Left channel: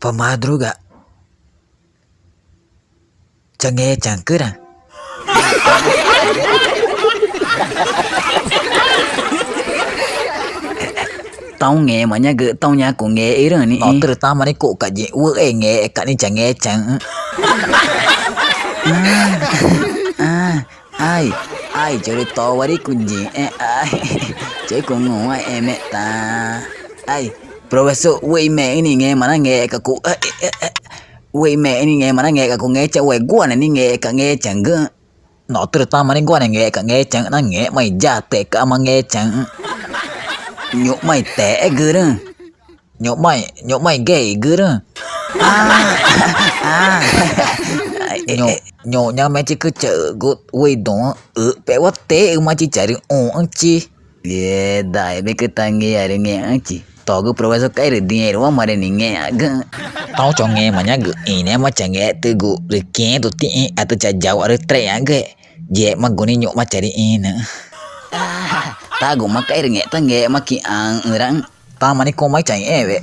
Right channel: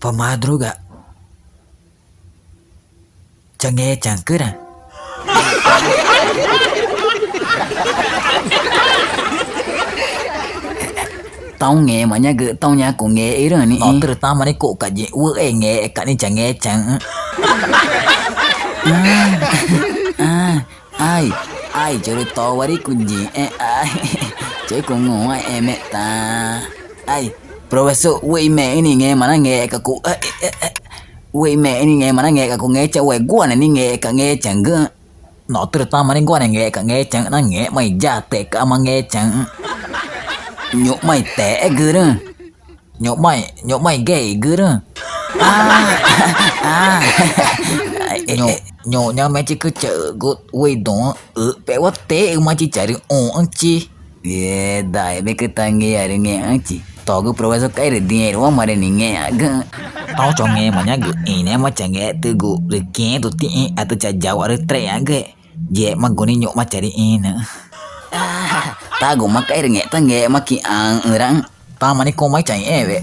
Pemadruga. Change chankera. Tao nghe mà nhá gỡ tao nhà cũng nghe ý rồi nè. Từ tao mà đi cụ cả gì vợ em nghe cả đi chẳng nghe chẳng. Ai ai chơi to quá đi cùng gì ai chơi cùng ngủ em mẹ ta ai professor quay mẹ ini nghe mà nó nghe cả cụ quay mẹ ini nghe mà nó nghe cả cụ nghe cháu quay qua này nghe cả nghe chẳng cơ nó từ tao mà đi qua này nghe cả nghe chẳng nó nghe mày già tệ cả mà nghe chẳng nhục mày tệ gơ đó nhục mày gay gơ đó nhục nhau mày chỉ cứ chờ gột quay đó bé quá té mà chỉ chờ được ăn chi ye đại bé cứ tai nghe rồi nghe ăn chi tao cứ professor cái rồi nghe đúng mà để nghe tao cho nghe mà nhá gỡ ini mà chẳng nghe từ gụ rồi kia tụi tị atau chả jauh ada tre ge je mà guni nhục mà cari ini ta gụ mà cái rồi nghe ta nghe mà ki ang orang ta mà đi cô mấy chạy vậy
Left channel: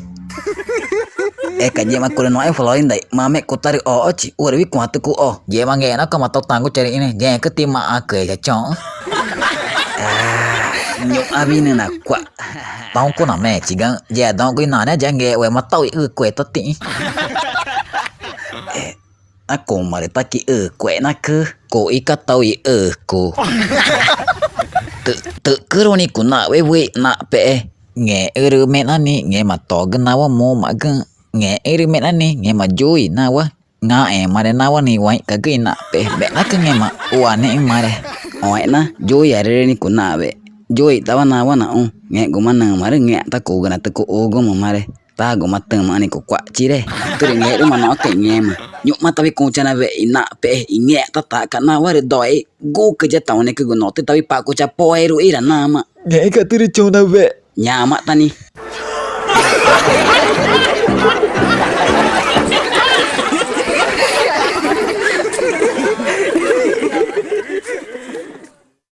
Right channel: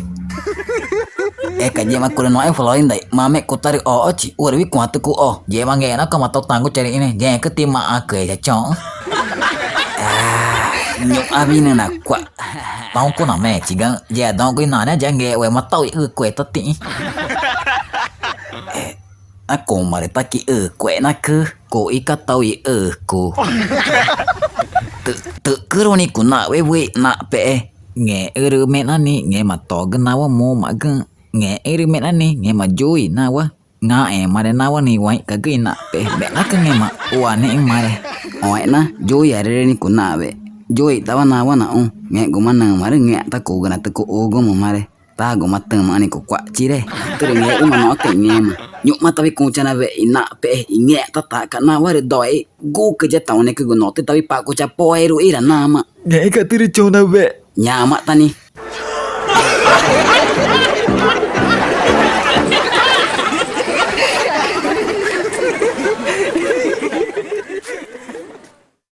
cái gì mà cô nói Floyd đấy mà mẹ cô ta được chị udah biết kuat tuh vậy mà nghe nó có mà tao tàng cô cari ini nghe cái tim mà cười cái chó nhục abin nè quạ tao cô nào mẹ chỉ gan giờ tao cái nói nó chẳng nghe vậy mà tao quệ tao tị aku mà để ta ki quệ nó cứ cô ý cái tao cô tự cứ rồi nè cô nạ với nạ pe nghe mẹ nó nè nghe mà to cái nào mà mà cái nghe mẹ nó nè nghe mà vui nào nga mà để nào nè vậy cái nạ pe bé nó cái nghe mà uan nè mà để vậy na vui à đây nè cô nạ vậy vui tao nào na nghe cô mà nang mà nghe ta cô cái ta cô ô mà để ta cô mà từng mà nè cô quạ chi đây cái nghe mà nó cái nghe mà nhục mà tao bị cô chana vậy nạ pe nghe ta cả nào để đòi gu cái tao nè cái nó tao bị pa cô cha poi rồi ira na mà nghe cái từ chona vậy nhà mà ta nè